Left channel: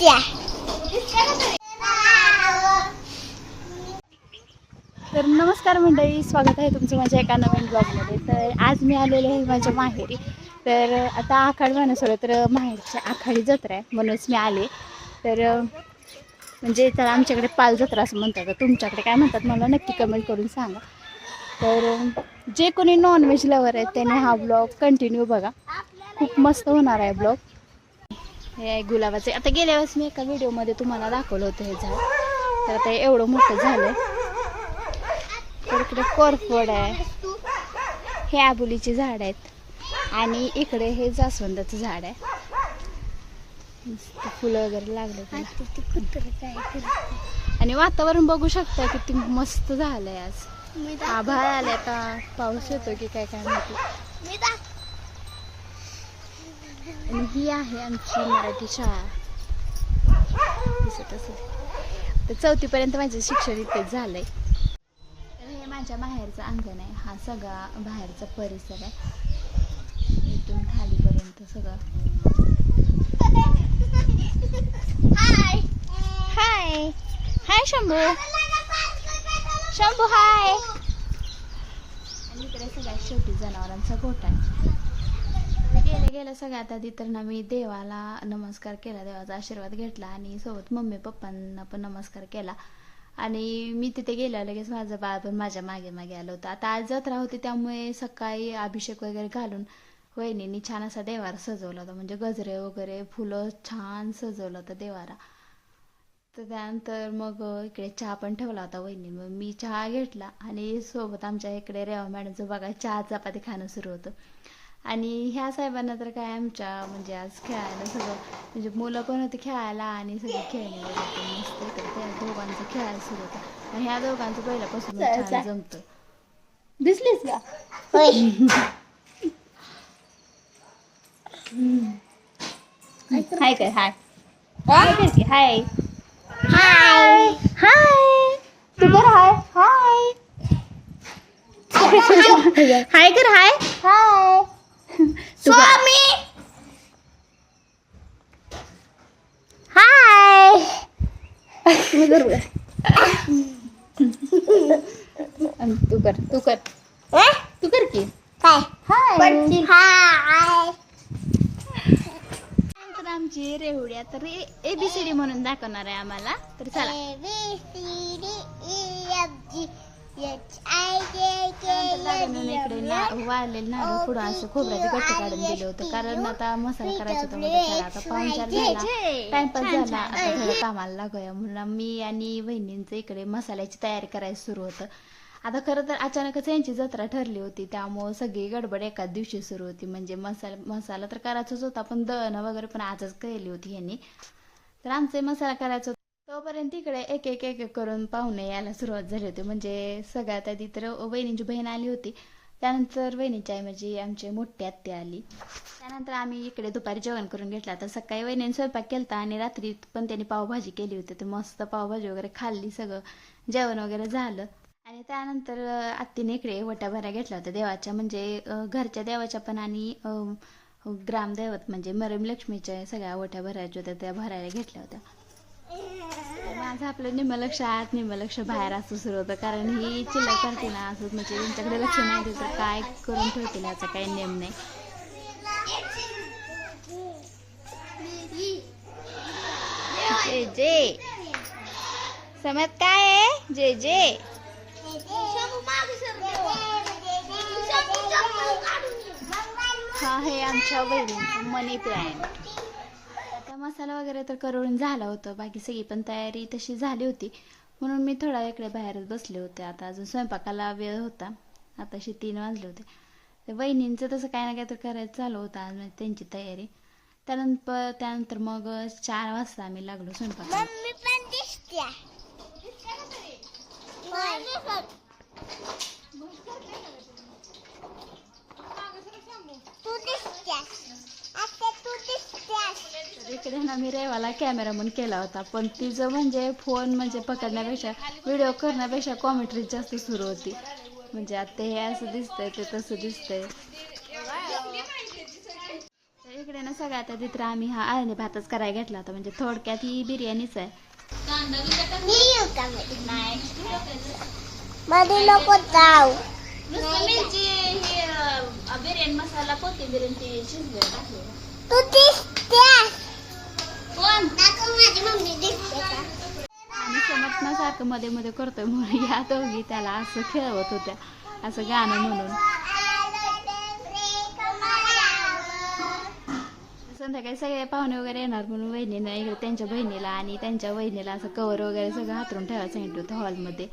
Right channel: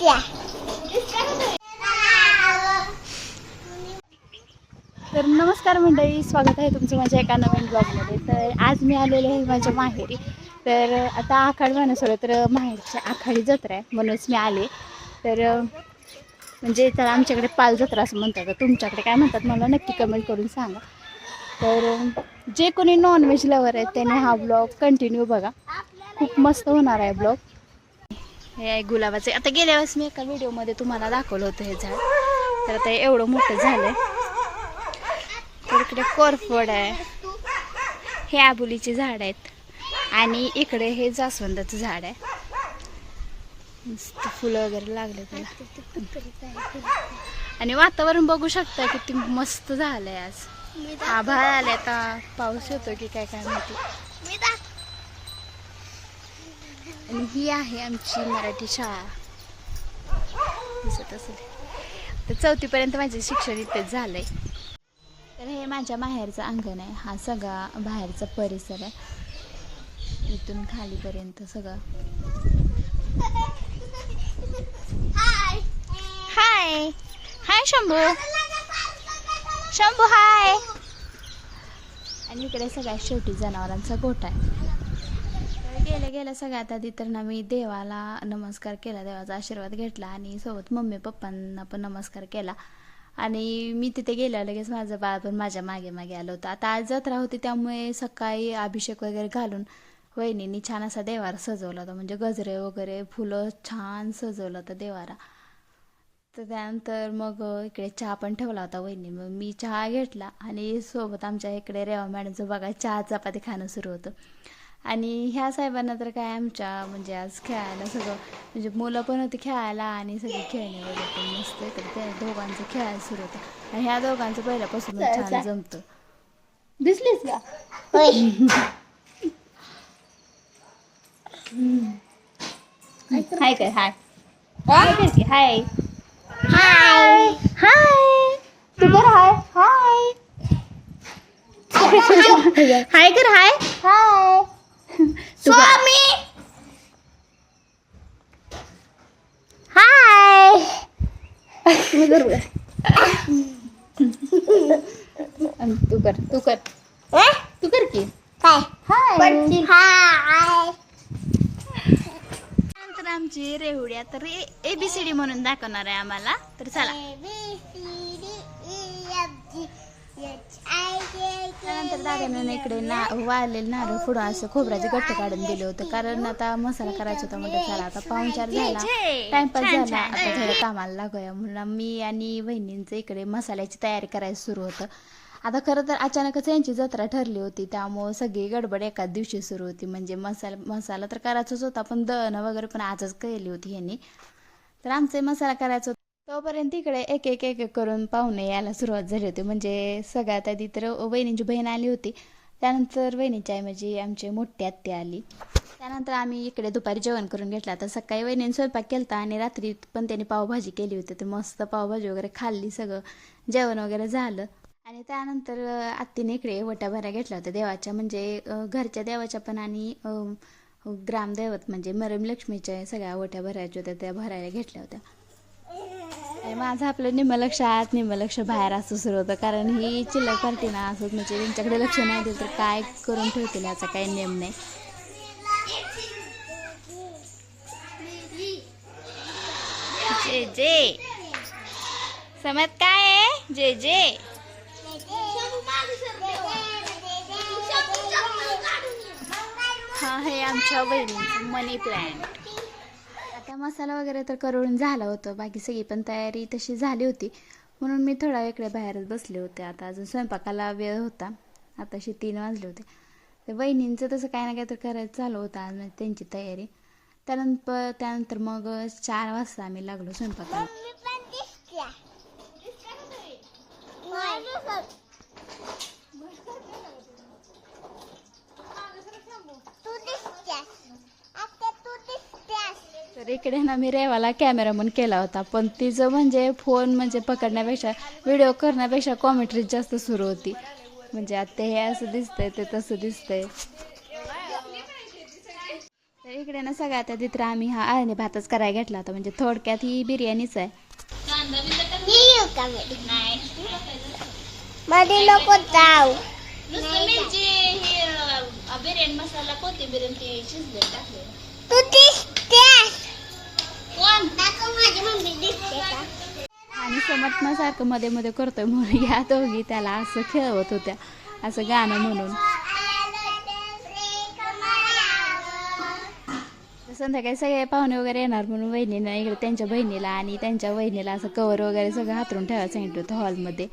तर नमस्कार मंडळी, स्वागत आहे तुमचं माझ्या एका नवीन ब्लॉगमध्ये. तर आज मी आलेले आहे माझ्या माहेरी. तर आता आखाड म्हणून तर माहेरच्या आखाडी जत्रा आहे म्हणूनच मी आले. तर म्हणजे त्याला आमच्याकडे पाल जत्रा असं म्हणतात, तर तुमच्याकडे काय म्हणतात मला नक्की कमेंट करून सांगा. तर जे कोणी नॉनव्हेज लवर आहेत त्याने हा ब्लॉग कंटिन्यू बघा, खूप मस्त होणार आहे ब्लॉग. हे आहे गुलाबाचे. आता गेल्या वेळेस मी एका व्हिडिओमध्ये तुम्हाला दाखवलं होतं हे झाड, तर आता एवढं मोठं झालंय. तर इकडे कोरफड आहे, हे आबोलीचे झाड आहेत आणि इकडे हे जास्वंदाचं झाड आहे. मस्त फुलं वगैरे लागले त्याला. आणि वातावरण बघू शकता किती मस्त झालंय. आज आभाळ आले, आता पाऊस येतो की काय काय माहिती. आणि ही आहे आमची मराठी शाळा, दिसत असेल. तर 4थी पर्यंत माझे शिक्षण इथेच झालंय. तर हे माझ्या माहेरचं अंगण आहे. हा सगळा बाहेरचा परिसर आहे, इथून खालीपर्यंत सगळं. हाय हाय हाय शंभू, शंभू हाय. आणि इकडे सगळ्यात शेवटी जनावरांचा गोठा आहे. गेल्या सगळ्यात आधी तर ना मी देवाला नमस्कार केला, देवाचा आशीर्वाद घेतला आणि सोबत मम्मी पप्पांना पण नमस्कार केला. आणि मी तिथे गेल्या लगेच माझं बाळ पण माझ्या मागे मागे आलं होतं. आता आज जत्रा होती त्यामुळे सकाळी अभिषेक वगैरे घालून वहिनींनी छान असा देवारा सजवला होता, म्हणजे गजरे वगैरे फुलं छान सजवलं होतं देवारा. तर त्यानंतर मग इकडे चहा पण ठेवला होता वहिनी. मग मी चहा घेतला आणि सोबत आमच्या इकडे रेवा मॅडमचं बघा चहा चपाती खाणं सुरू होतं. आणि ह्या साहेबांना तर काय आमच्या म्हणजे आज खेळायला सगळं, म्हणजे मुलं पण होती खेळायला आणि सगळे खेळणे वगैरे मस्त होतं. त्या दोघांचं खेळायला सुरू होतं आणि ह्या दोघांचं पहिल्यापासून छान जमतं. दिसलीस का? हाय काय? हाय हाय हाय हाय. तू कर हाय हाय हाय कर हाय हाय. स्वामी हाय. तू कर तू कर तू कर की हाय हाय. नंतर आमची रेवड्या तर ABCD म्हणून दाखवणार आहे आम्हाला. तर चला. इकडे वाळलेले नारळ पुढं असं खोबऱ्याचे गट्टे काढून दिले होते, कारण आता मसाला करायचा होता. मध्ये चला आता पाहुणचार झाला, टाइमपास झाला, आता थोडं कामाला लागूया म्हणून मी आणि बहिणींचं इकडे मसाल्याची तयारी करायला सुरू होतं. आता खरं तर अचानकच यांची जत्रा ठरली होती, त्यामुळं सगळी गडबड एकाच दिवशी सुरू होती. म्हणजे मसाला तर करायचाच होता, पण दळणं वगैरे पण आजच केली होती यांनी. तर आमचे मसाला करायचा होता तोपर्यंत इकडे एक एक एक एक करून पाहुणे यायला सुरुवात झाली होती. म्हणजे सगळ्यात आधी तर वहिनींची बहीण आली होती, त्यानंतर वहिनीची आई म्हणजे आमची मोठी आत्या आली. त्यानंतर आम्ही इकडे दुपारी जेवण करून घेतलं. तर सकाळी वहिनीने स्वयंपाक केला आणि रात्री पण त्यांनी पावभाजी केली होती. तर मस्त पावभाजी वगैरे खाल्ली, सगळं जेवण वगैरे झालं. आणि त्यानंतर आत्तीने इकडे वटा भरायला घेतला होता देवाच्या, म्हणजे घरच्या देवाच्या पण आणि ग्रामदैवत म्हणजे मरम लक्ष्मीच्या सगळ्या वट्या भरायच्या होत्या, त्या भरायला घेतल्या होत्या. माझं आपलं निम्म लक्ष आत निम्म लक्ष बाहेर असं सुरू होतं, कारण ही चिल्लर करते ना असं, म्हणजे त्यांच्याकडे लक्ष नाही दिलं तर काय करून ठेवतील याचा काही नेम नाही. जे जे समज काय आहे जे जे. हा हे आमच्या बहिणींचं मनी प्लांट. आता मसाला वगैरे तर करून झाला होतं, बाकी सगळी पण तयारी तशी झाली होती, म्हणून मी थोडा इकडे बाहेरच बसले होते. आता अजून स्वयंपाकाला वेळ होता, आताशी 3 वाजले होते. तर बहिणींचं तसं काय ना काय तर करायचं चालू होतं आज त्यांची तयारी. त्यानंतर मग 4 वाजता आम्ही लागलो स्वयंपाकाला. तर इकडे ना मी रेवाला कॅमेरामन केला होता, पण तिचं म्हणजे फोन म्हणजे पकडण्यापेक्षा व्हिडिओ करण्यापेक्षा कॉमेंट्री जास्त सुरू होती. म्हणजे आता हे असं दिसतंय ते तसं दिसतंय. तर इकडे ना सगळ्यात आधी तर आम्ही हा अळणी भातच करायला घेतला होता, म्हणजे थोडक्यात ही बिर्याणीच आहे. मध्ये नको जाऊ. बिर्याणी मसाला कोथिंबीर शिजले टाकले. तू दिसतेस. कोण? माझी मम्मी दिसते का? आणि समर्थनासारखं मध्ये मध्ये करतोय म्हणून या दोघी त्याला असं खेळवत होत्या, असं गाणं म्हणून. संध्याकाळी सगळे पाहुणे वगैरे येणार म्हणून वहिनीनं इकडे त्यांच्या बहिणीला आणि त्यांच्या वहिनीला असं कवर वगैरे सगळं हातरून ठेवायला सांगितलं होतं हॉलमध्ये.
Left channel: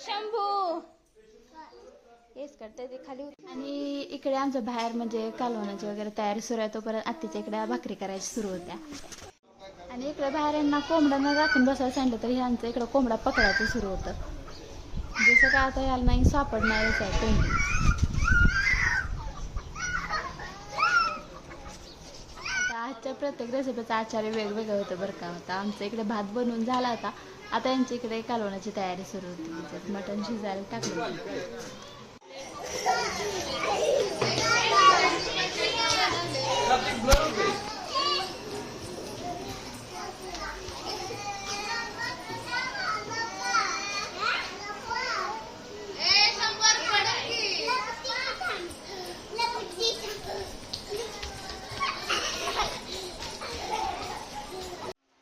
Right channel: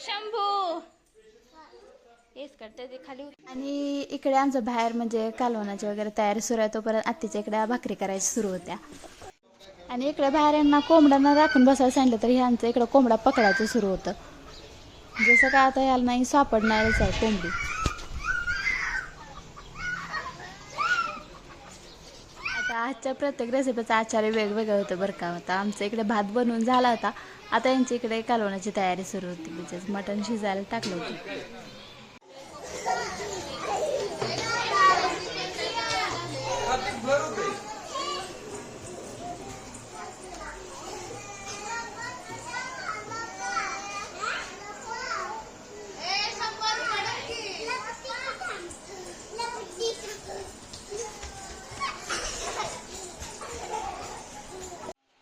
शंभू हेच करते ते खाली. आणि इकडे आमचं बाहेर म्हणजे कालवणाची वगैरे तयारी सुरू आहे, तोपर्यंत आत्तीच्या इकडे भाकरी करायची सुरू होत्या. आणि इकडे बाहेर यांना कोंबड्यांना राखून बसायला सांगितलं तर ह्यांचं इकडं कोंबडा पकडायचं सुरू होतं. जसं काय आता याला नाही सापडणारच आहे कोंबडी. आता आजच्या प्रत्येक रेसिपीचा आचार्य वेगवेगळं होतं बरं का. होता आमच्या इकडे भात बनवून झाला होता, आता यांच्या इकडे कालवणाची तयारी सुरू होती, म्हणजे मटण शिजायला टाकलं होतं.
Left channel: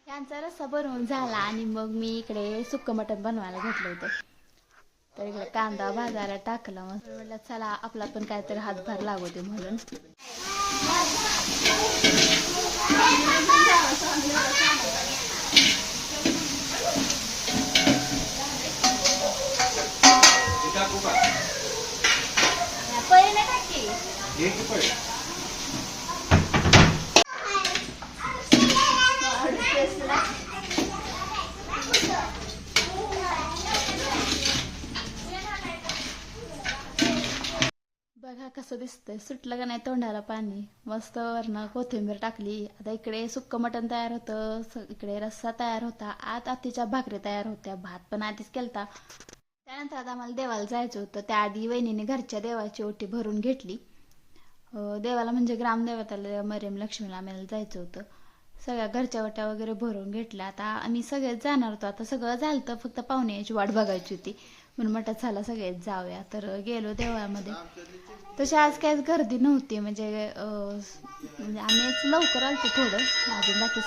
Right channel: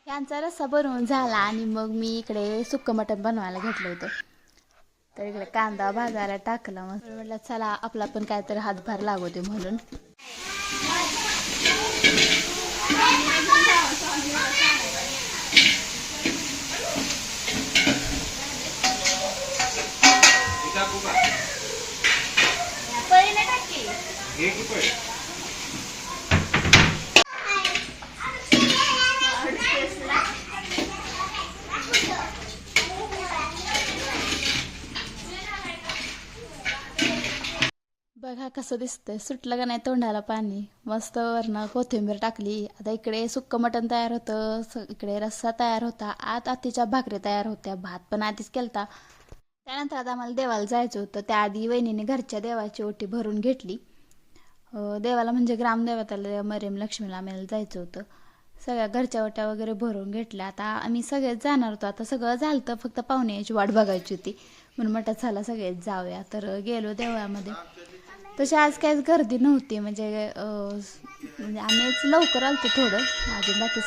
यांचा रस्सा बनवून झाला आणि मग मी इकडे सुक्कं मटण बनवायला घेतलं होतं. तर इकडे कांदा भाजायला टाकला, मग म्हटलं चला आपला पण काहीतरी हातभार लागवते म्हणून. बघा कसं दिसतंय, सुटलं का नाही तोंडाला पाणी. मस्त वरनं कोथिंबीर टाकली. आता इकडे सुक्कं मटण तयार होतं, इकडे रस्सा तयार होता, आतीच्या भाकरी तयार होत्या, भात पण आधीच केलता. त्यानंतर आता आम्हाला देवाला जायचं होतं. त्याआधी वहिनीने घरच्या देवाची ओटी भरून घेतली. देवाला म्हणजे ग्रामदेवताला मरियम लक्ष्मीला आम्हाला जायचं होतं. सगळ्या घरच्या ओट्या वगैरे भरून घेतल्या. आता आम्ही सगळेच जाणार होतो. आता सगळं झालं तर फक्त पाहुणे यायची वाट बघायची होती म्हणून म्हटलं चला सगळेच जाऊया. तर गेलो देवळामध्ये. तशी आज काहीच गर्दी नव्हती, म्हणजे आम्हीच लवकर आलतो थोडं, अजून बाकी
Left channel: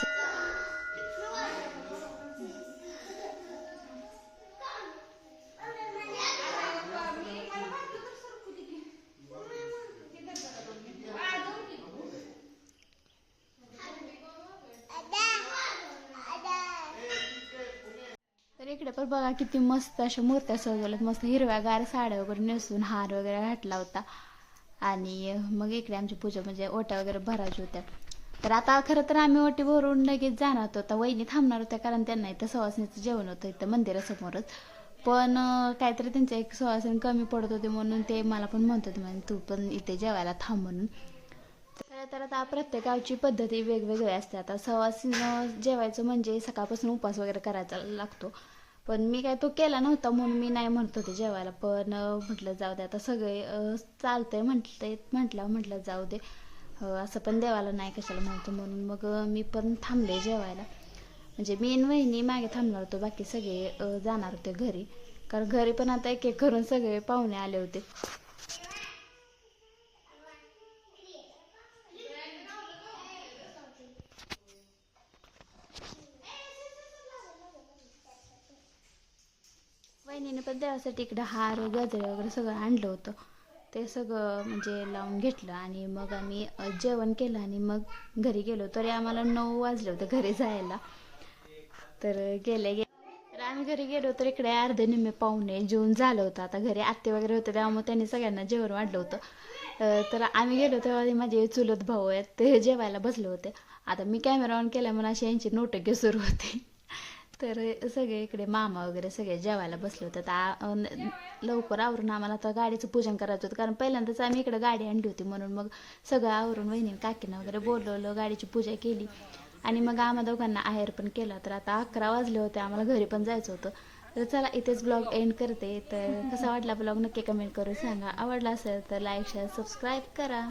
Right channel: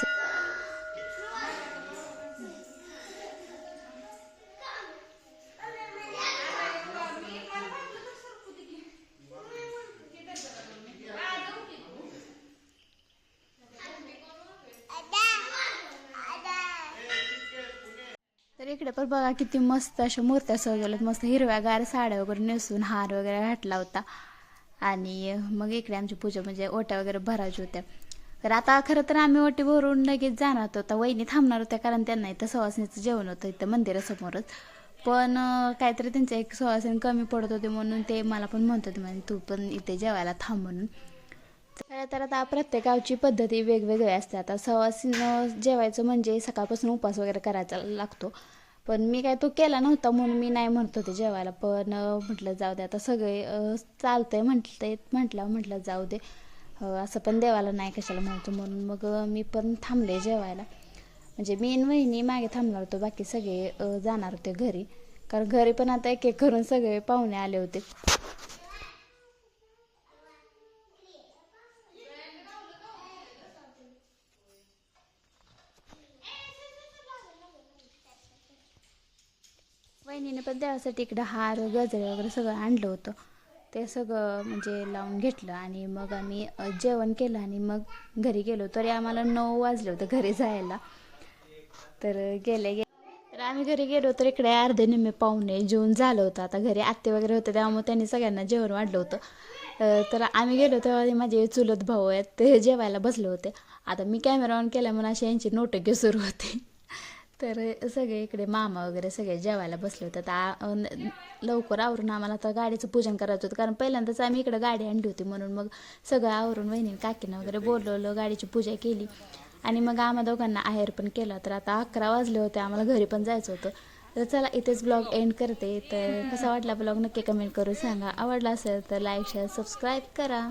तर इकडे पण बघा किती मस्त अशा मूर्त्या सजवल्यात, मस्त हिरव्यागार साड्या वगैरे नेसून हार वगैरे घातला होता. आणि मग इकडे आमची पूजा म्हणजे ओट्या वगैरे भरायच्या होत्या. तर आता खरं तर आम्ही ओटी भरून लगेच जाणार होतो. आता वहिनी थांबणार होत्या कारण त्यांना इथं सवासणीचं जेवण होतं इथं मंदिरासमोरच. पण काहीतरी त्यांचं एक सवासणी कमी पडत होते म्हणून ते मला पण म्हणत होते म्हणजे तू पण इथे जेवायला थांब म्हणून. तर आता प्रत्येक गावची पद्धती वेगवेगळी असते. आता सवासणीनं जेवायचं म्हणजे सकाळपासून उपवास वगैरे करायचा लागतो, पण मी काय तो केला नव्हता म्हणून मी नाही म्हणत होते जेवायला. पण म्हटलं जाऊ दे आता सगळे चालतंय म्हटलं जाऊ दे, असं पण देवाला नाही कशाला म्हणतो म्हणून मग मी पण थांबले जेवायला. म्हणजे मी आणि वहिनी मागे थांबणार होतो, बाकी सगळे जाणार होते घरी, कारण घरी पण आता एक एक करून सगळे पाहुणे आले होते. वहिनीने पण देवासाठी इकडं हार गजरे वगैरे सगळं आणलं होतं. ते सगळं म्हणजे लावून घेतलं आणि मग आम्ही जेवण केलं आणि मग घरी गेलो. तरी आम्हाला 9 वाजले होते घरी जायला. तर तर आम्ही घरी गेलो तर इकडे अर्धे निम्मे पाहुणे जेवून झालं होतं. आता घरी आत्ते वगैरे होते त्यामुळे त्यांनी सगळ्यांना जेवण वाढलं होतं. तर आम्ही गेलो तेव्हा माझे चुलत भाऊ आहेत ते जेवायला बसले होते. आता मी कॅमेरा ऑन केला म्हणून अशी यांची नोटके सुरू होती. तर सगळे इकडे मामा वगैरे सगळे जेवायला बसले होते. आता लवकर आवरून आम्हाला आता गाडीचं पूजन करायचं होतं, कारण पहिल्यांदाच आम्ही इकडे गाडी आणली होती म्हणून मग सगळं आवरून वहिनी काकीनं वगैरे बोलवलं, गाडीची पूजा केली आणि मग आम्हा दोघांना आहेर पण केला. तर आता 11 वाजले होते, आम्हाला घरी पण जायचं होतं. तर चला इथेच ब्लॉग एंड करते. तर कसा वाटला ब्लॉग नक्की कमेंट करून सांगा. आवडला असेल तर लाईक शेअर सबस्क्राईब करा.